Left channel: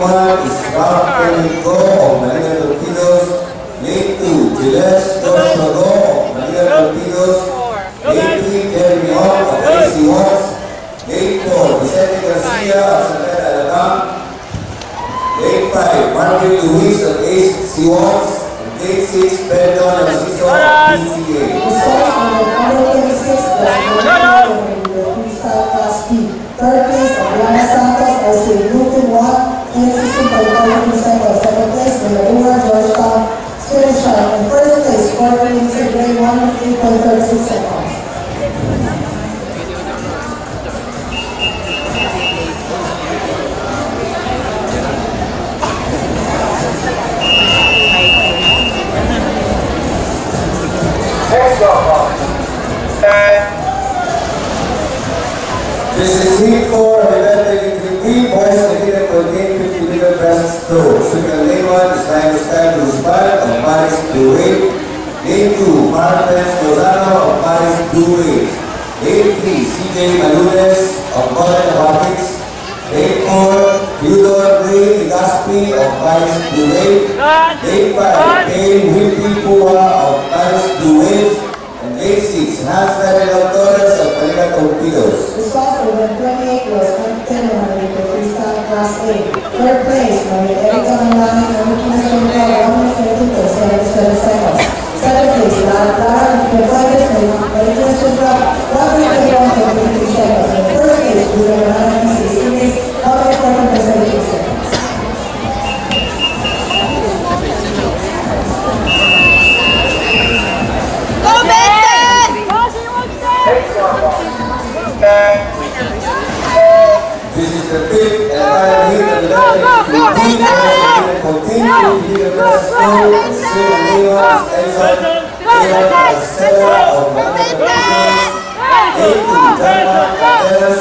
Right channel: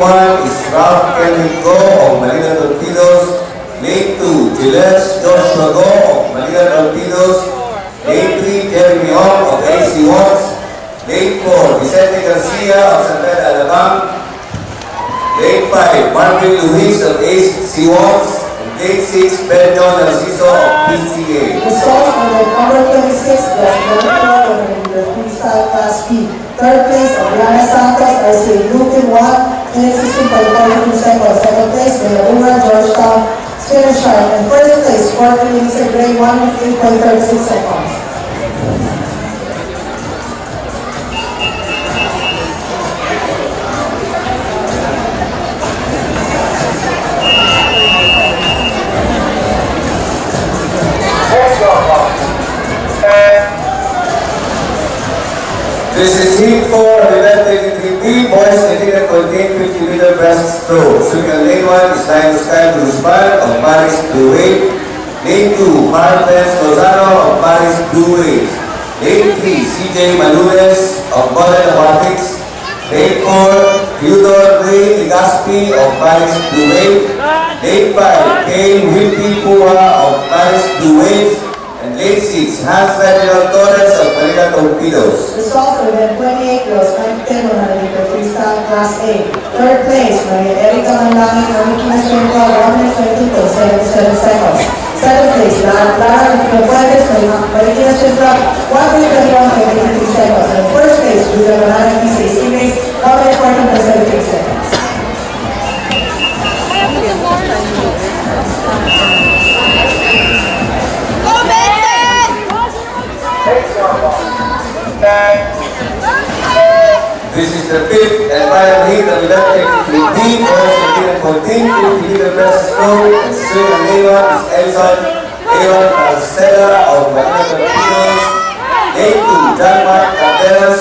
1 is Ralph Kelvin Go of Manila Torpedoes. Lane 2, Giles Joshua Go of Manila Torpedoes. Lane 3, Jeremy Ong of AC Watts. Lane 4, Vicente Garcia of San Pedro Alabang. Lane 5, Marvin Luis of AC Watts. And Lane 6, Ben John Narciso of PCA. Results on the number 26 was in the freestyle class B. Third place, Oriana Santos, SA Lucan 1. 16.42 seconds. Second place, Villaruga, Georgetown, Sweden Shark. And first place, Scorpion Lisa Gray, 1:8.36 seconds. This is heat 4 of event 33B, boys competing contain 50-meter breaststroke. Sugar lane 1 is time to stand to Ruspan of Paris Blue Wave. Lane 2, Martens Lozano of Paris Blue Wave. Lane 3, CJ Malunes of Golden Aquatics. Lane 4, Theodore Ray Legaspi of Paris Blue Wave. Lane 5, Kane Wilby Pua of Paris Blue Wave. And lane 6, Hans Ferdinand Torres of Manila Torpedoes. Results of event 28 was 10 100 freestyle class A. Third place, Maria Erica Mandani, Marikina Swimpa, 1:22.77 seconds. Second place, Lara Fuentes, Marikina Swimpa, 1:21.83 seconds. And first place, Julia Manana, PCA race, 1:14.78 seconds. This is the fifth and final heat of the electric team. Continue to the breaststroke. And swim and name is Elson Aaron Castella of Manila Torpedoes. Lane 2, John Mark Candelas